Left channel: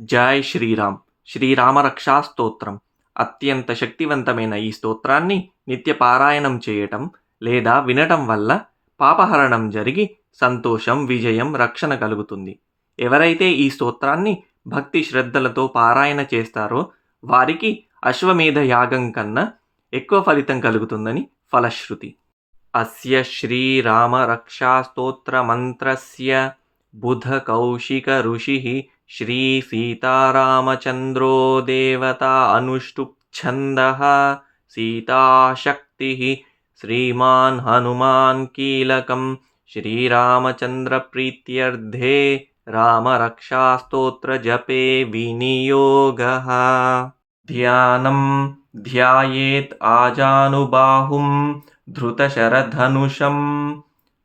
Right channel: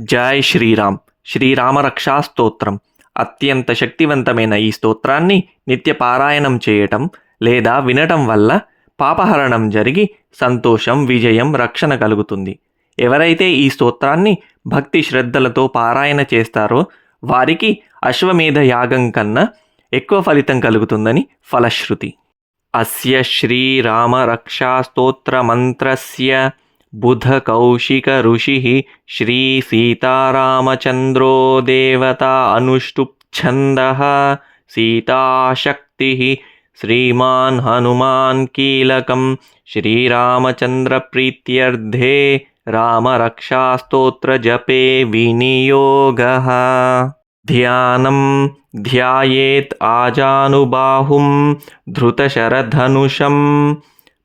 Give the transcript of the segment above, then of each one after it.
జై శ్రీరామ్. శ్రీరామరక్షా స్తోత్రం అత్యంత శక్తివంతమైన ఈ స్తోత్రాన్ని నిత్య పారాయణం చేయటం లేదా వినటం వల్ల పాపహరణం జరిగి సంతోషం విజయం రక్షణ కలుగుతుంది. ఎవరైతే ఈ స్తోత్రాన్ని భక్తి శ్రద్ధలతో పారాయణ చేస్తారో వారికి అశ్వమేధ యాగం కన్నా ఎక్కువ ఫలితం కలుగుతుందని ఫలశ్రుతి. అస్య శ్రీరామ बुधकौशिकऋषिः श्रीसीतारामचन्द्रो देवता अनुष्टुप्छन्दः सीताशक्तिः श्रीमान् हनुमान् कीलकं श्रीरामचन्द्रप्रीत्यर्धे रामरक्षास्तोत्रजपे विनियोगः। ध्यानं ध्यायेत् आजानुबाहुं धृतशरधनुषं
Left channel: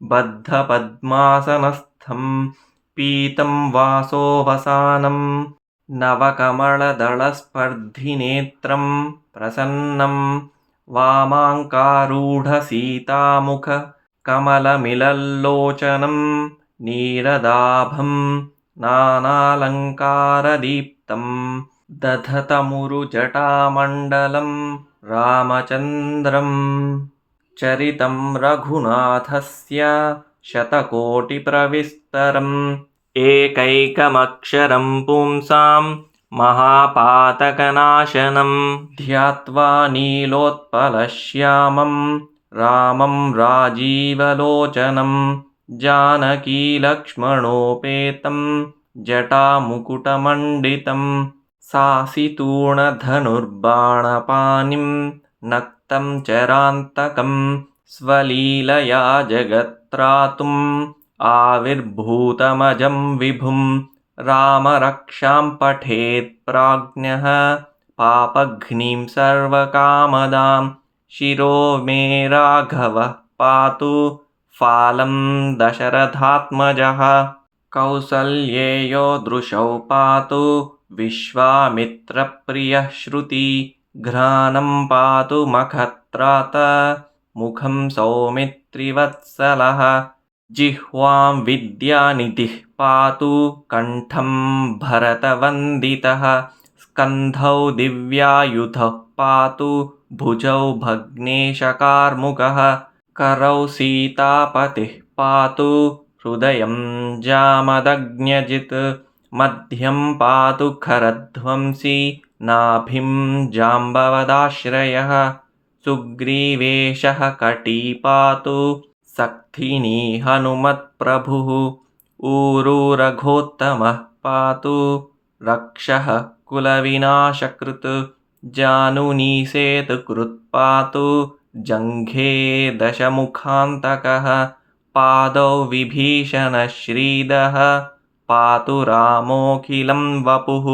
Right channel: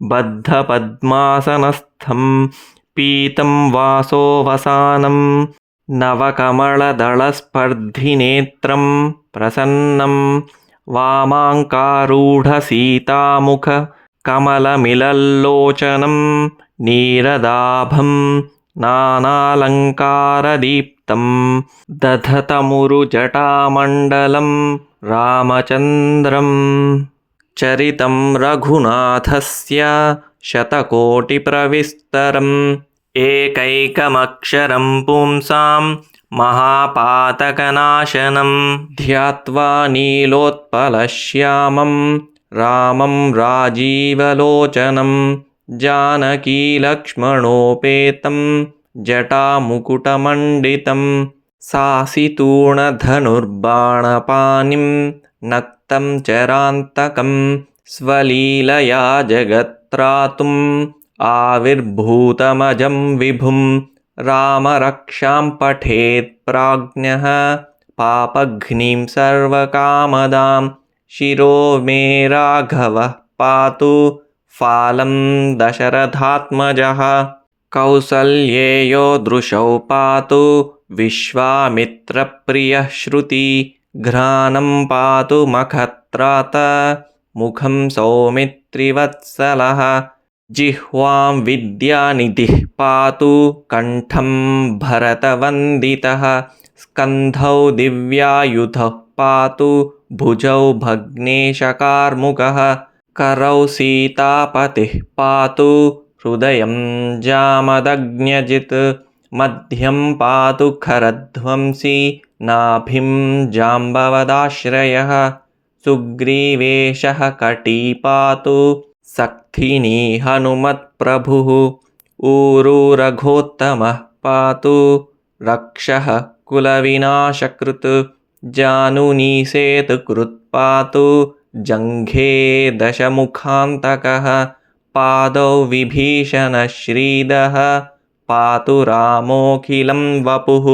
बद्धपद्मासनस्थ स्थं पीतं वासोऽवसानं नवकमलदलस्पर्धिनेत्रम् प्रसन्नं। वामाङ्कारूढसीतामुखकमलमिलल्लोचनं नीरदाभं नानालङ्कारदीप्तं दधतमुरुजटामण्डलं रामचन्द्रम्। चरितं रघुनाथस्य शतकोटिप्रविस्तरम्। एकैकमक्षरं पुंसां महापातकनाशनं ध्यात्वा नीलोत्पलश्यामं रामं राजीवलोचनं जानकीलक्ष्मणोपेतं जटामुकुटमण्डितं सासितूणधनुर्बाणपानिं नक्तं चरान्तकं स्वलीलया जगत् जगत्त्रातुम् आविर्भूतमजं विभुं रामरक्षां पठेत् प्राज्ञः पापघ्निं सर्वकामदां शिरो मे राघवः पातु फालं दशरथात्मजः। कौसल्येयो दृशौ पातु विश्वामित्रप्रियः श्रुति घ्राणं पातु मखत्रात मुखं सौमित्रिवत्सलः जिह्वां विद्यानिधिः पातु कण्ठं भरतवन्दितः स्कन्धौ दिव्यायुधः पातु भुजौ भग्नेशकार्मुकः करौ सीतापतिः पातु हृदयं जामदग्न्यजित् मध्यं पातु खरध्वंसी नाभिं जाम्बवदाश्रयः सुग्रीवेशः कटी पातु सक्थिनी हनुमत्प्रभुः ऊरुरघोत्तमः पातु रक्षः कुलविनाशकृत् जानुनीसेतुकृत् पातु जङ्घे दशमुखान्तकः पादौ विभीषणश्रीदः पातु रामोऽखिलं वपुः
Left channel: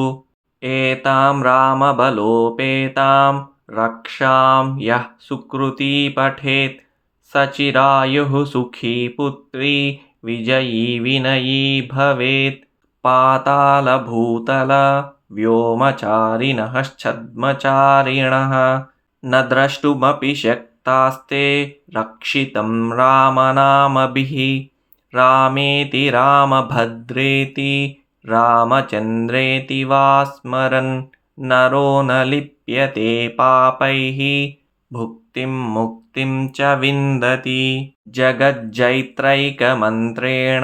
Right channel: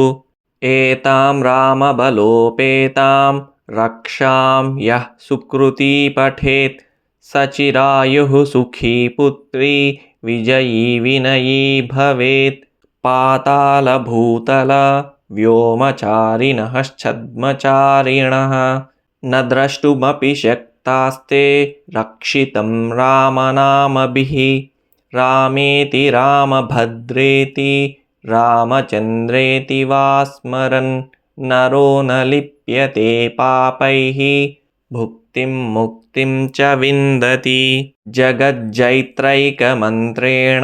एतां रामबलोपेतां रक्षां यः सुकृती पठेत् सचिरायुः सुखी पुत्री विजयी विनयी भवेत्। पातालभूतल व्योमचारिणश्छद्मचारिणः न द्रष्टुमपि शक्तास्ते रक्षितं रामनामभिः। रामेति रामभद्रेति रामचन्द्रेति वा स्मरन् नरो न लिप्यते पापैः भुक्तिं मुक्तिं च विन्दति। जगज्जैत्रैकमन्त्रेण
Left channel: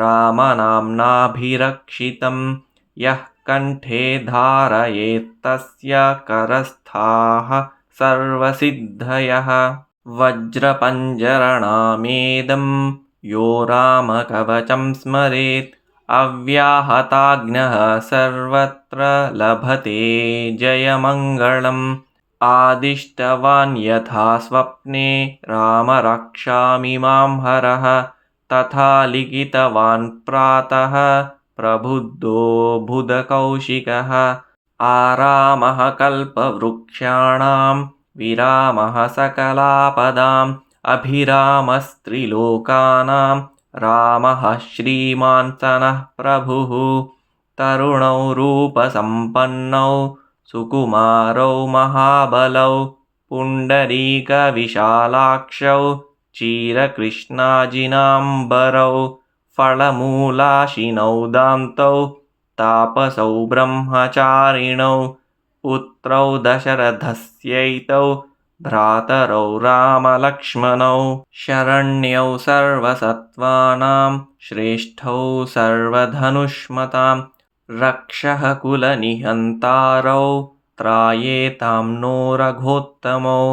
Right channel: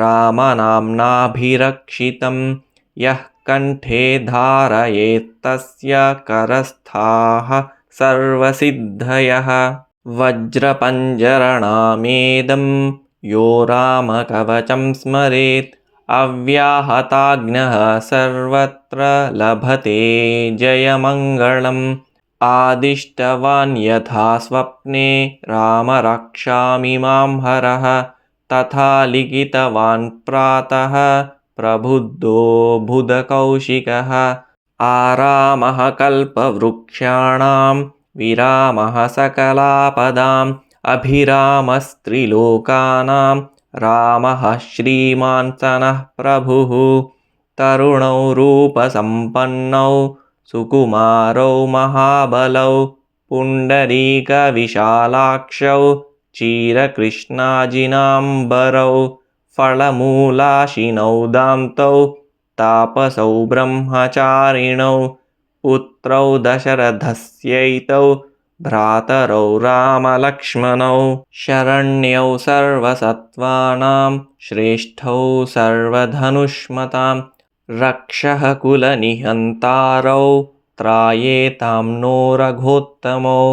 रामनाम्नाभिरक्षितं यः कण्ठे धारयेत्तस्य करस्थाः सर्वसिद्धयः। वज्रपञ्जरणामेदं यो रामकवचं स्मरेत् अव्याहताग्नः सर्वत्र लभते जयमङ्गलम्। आदिष्टवान् यथा स्वप्ने राम रक्षामि मां हरः तथा लिखितवान् प्रातः प्रबुद्धो बुधकौशिकः। आरामः कल्पवृक्षाणां विरामः सकलापदाम् अभिरामस्त्रिलोकानां रामः श्रीमान् सनः प्रभुः। तरुणौ रूपसम्पन्नौ सुकुमारौ महाबलौ पुण्डरीकविशालाक्षौ क्षीरकृष्णाजिनाम्बरौ फलमूलाशिनौ दान्तौ तापसौ ब्रह्मचारिणौ पुत्रौ दशरथस्यैतौ भ्रातरौ रामलक्ष्मणौ शरण्यौ सर्वसत्त्वानां श्रेष्ठौ सर्वधनुष्मतां रक्षः कुलनिहन्तारौ त्रायेतां नो रघोत्तमौ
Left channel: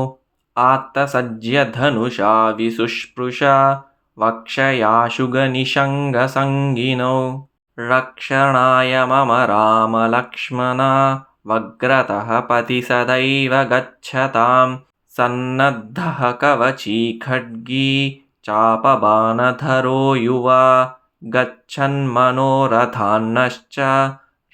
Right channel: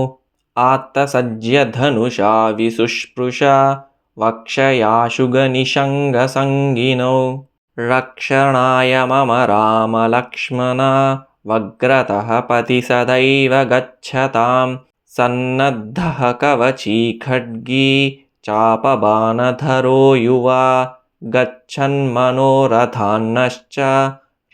आत्तसज्यधनुषा विशुष्पृशा वक्षयाशुगनिषङ्गसङ्गिनौ रक्षणाय मम रामलक्ष्मणा वग्रतः पथि सदैव गच्छतां सन्नद्धः कवची खड्गी चापबाणधरो युवा गच्छन्मनोरथान्नश्च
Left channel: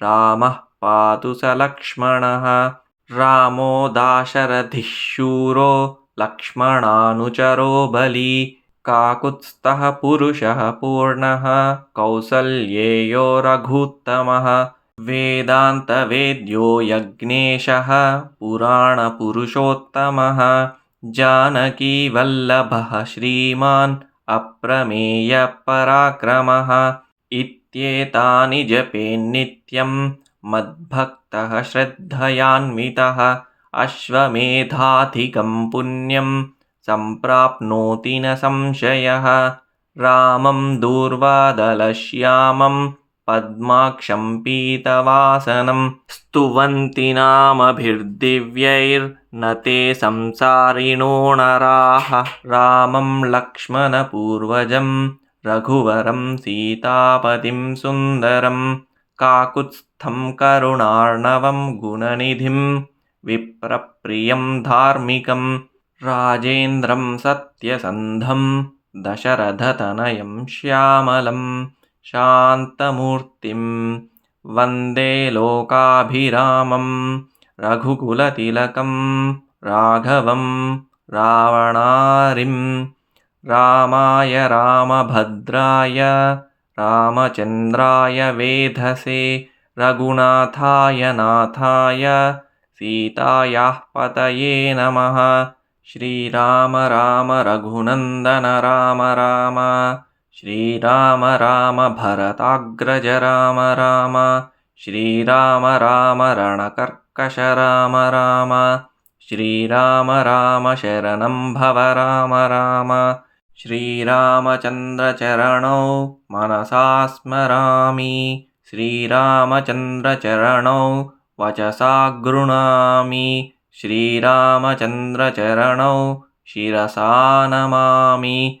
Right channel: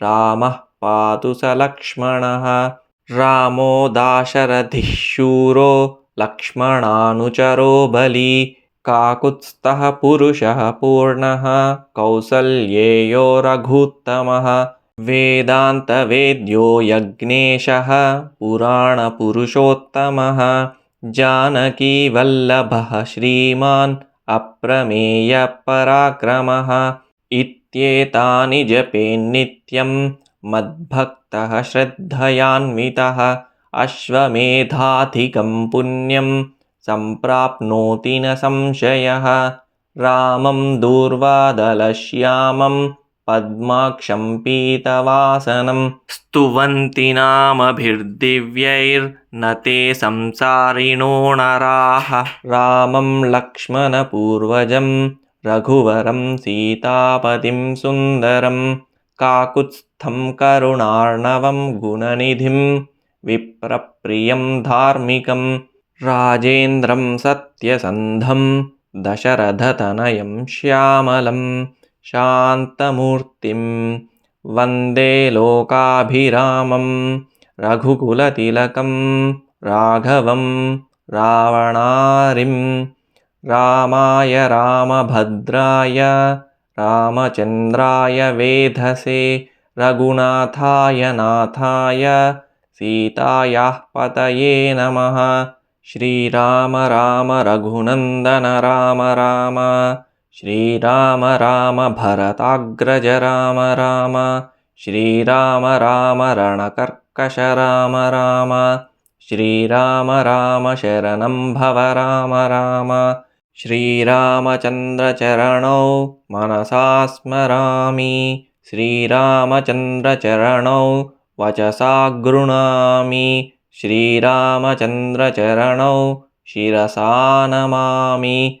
रामः पातु स लक्ष्मणः। रामो दाशरथिः शूरो लक्ष्मणानुचरो बली काकुत्स्थः पुरुषः पूर्णः। कौसल्येयो रघूत्तमः वेदान्तवेद्यो यज्ञेशः पुराणपुरुषोत्तमः। जानकीवल्लभः श्रीमान् अप्रमेयपराक्रमः इत्येतानि जपेन्नित्यं मद्भक्तः श्रद्धयान्वितः। अश्वमेधाधिकं पुण्यं सम्प्राप्नोति न संशयः। रामं दूर्वादलश्यामं पद्माक्षं पीतवासनं स्तुवन्ति नामभिर्दिव्यैर्न ते संसारिणो नराः। रामं लक्ष्मणपूर्वजं रघुवरं सीतापतिं सुन्दरं काकुत्स्थं करुणार्णवं गुणनिधिं विप्रप्रियं धार्मिकं राजेन्द्रं सत्यसन्धं दशरथतनयं श्यामलं शान्तमूर्तिं वन्दे लोकाभिरामं रघुकुलतिलकं राघवं रावणारिं रामाय रामभद्राय रामचन्द्राय वेधसे रघुनाथाय नाथाय सीतायाः पतये नमः। श्रीराम राम रघुनन्दन राम राम श्रीराम राम भरताग्रज राम राम। श्रीराम राम रणकर्कश राम राम। श्रीराम राम शरणं भव राम राम। श्रीरामचन्द्रचरणौ मनसा स्मरामि। श्रीरामचन्द्रचरणौ वचसा गृह्णामि श्रीरामचन्द्रचरणौ शिरसा नमामि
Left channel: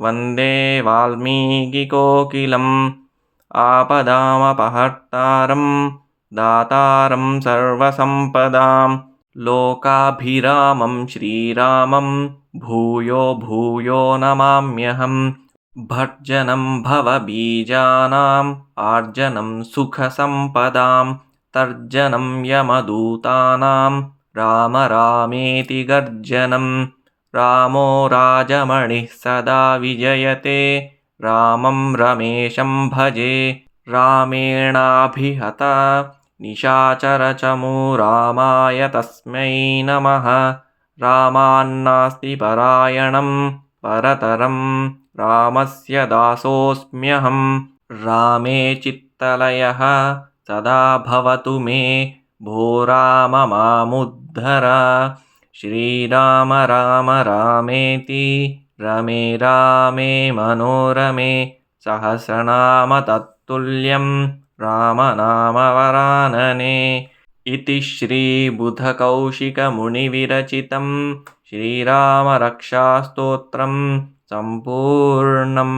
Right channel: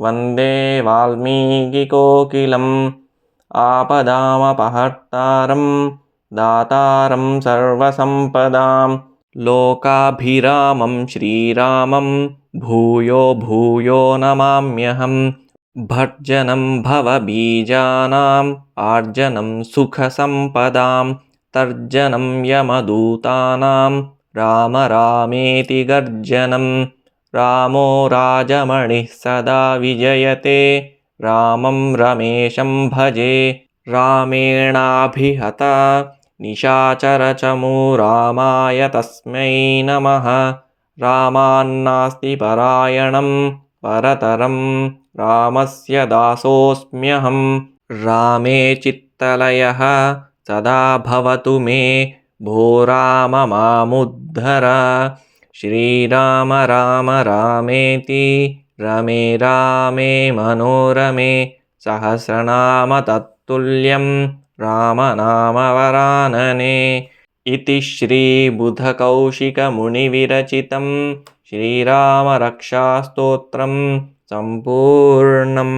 वन्दे वाल्मीकिकोकिलम्। आपदामपहर्तारं दातारं सर्वसम्पदां लोकाभिरामं श्रीरामं भूयो भूयो नमाम्यहं भर्जनं भवबीजानाम् आर्जनं सुखसम्पदां तर्जनं यमदूतानां राम रामेति गर्जनं रामो राजमणिः सदा विजयते। रामं रमेशं भजे रामेणाभिहता। निशाचरचमू रामाय तस्मै नमः। रामान्नास्ति परायणं परतरं रामस्य दासोऽस्म्यहं। रामे चित्तलयः सदा भवतु मे भो राम मामुद्धर श्रीराम राम रामेति रमे रामे मनोरमे सहस्रनाम तत्तुल्यं रामनामवरानने इति श्रीबुधकौशिकमुनिविरचितं श्रीरामरक्षास्तोत्रं सम्पूर्णम्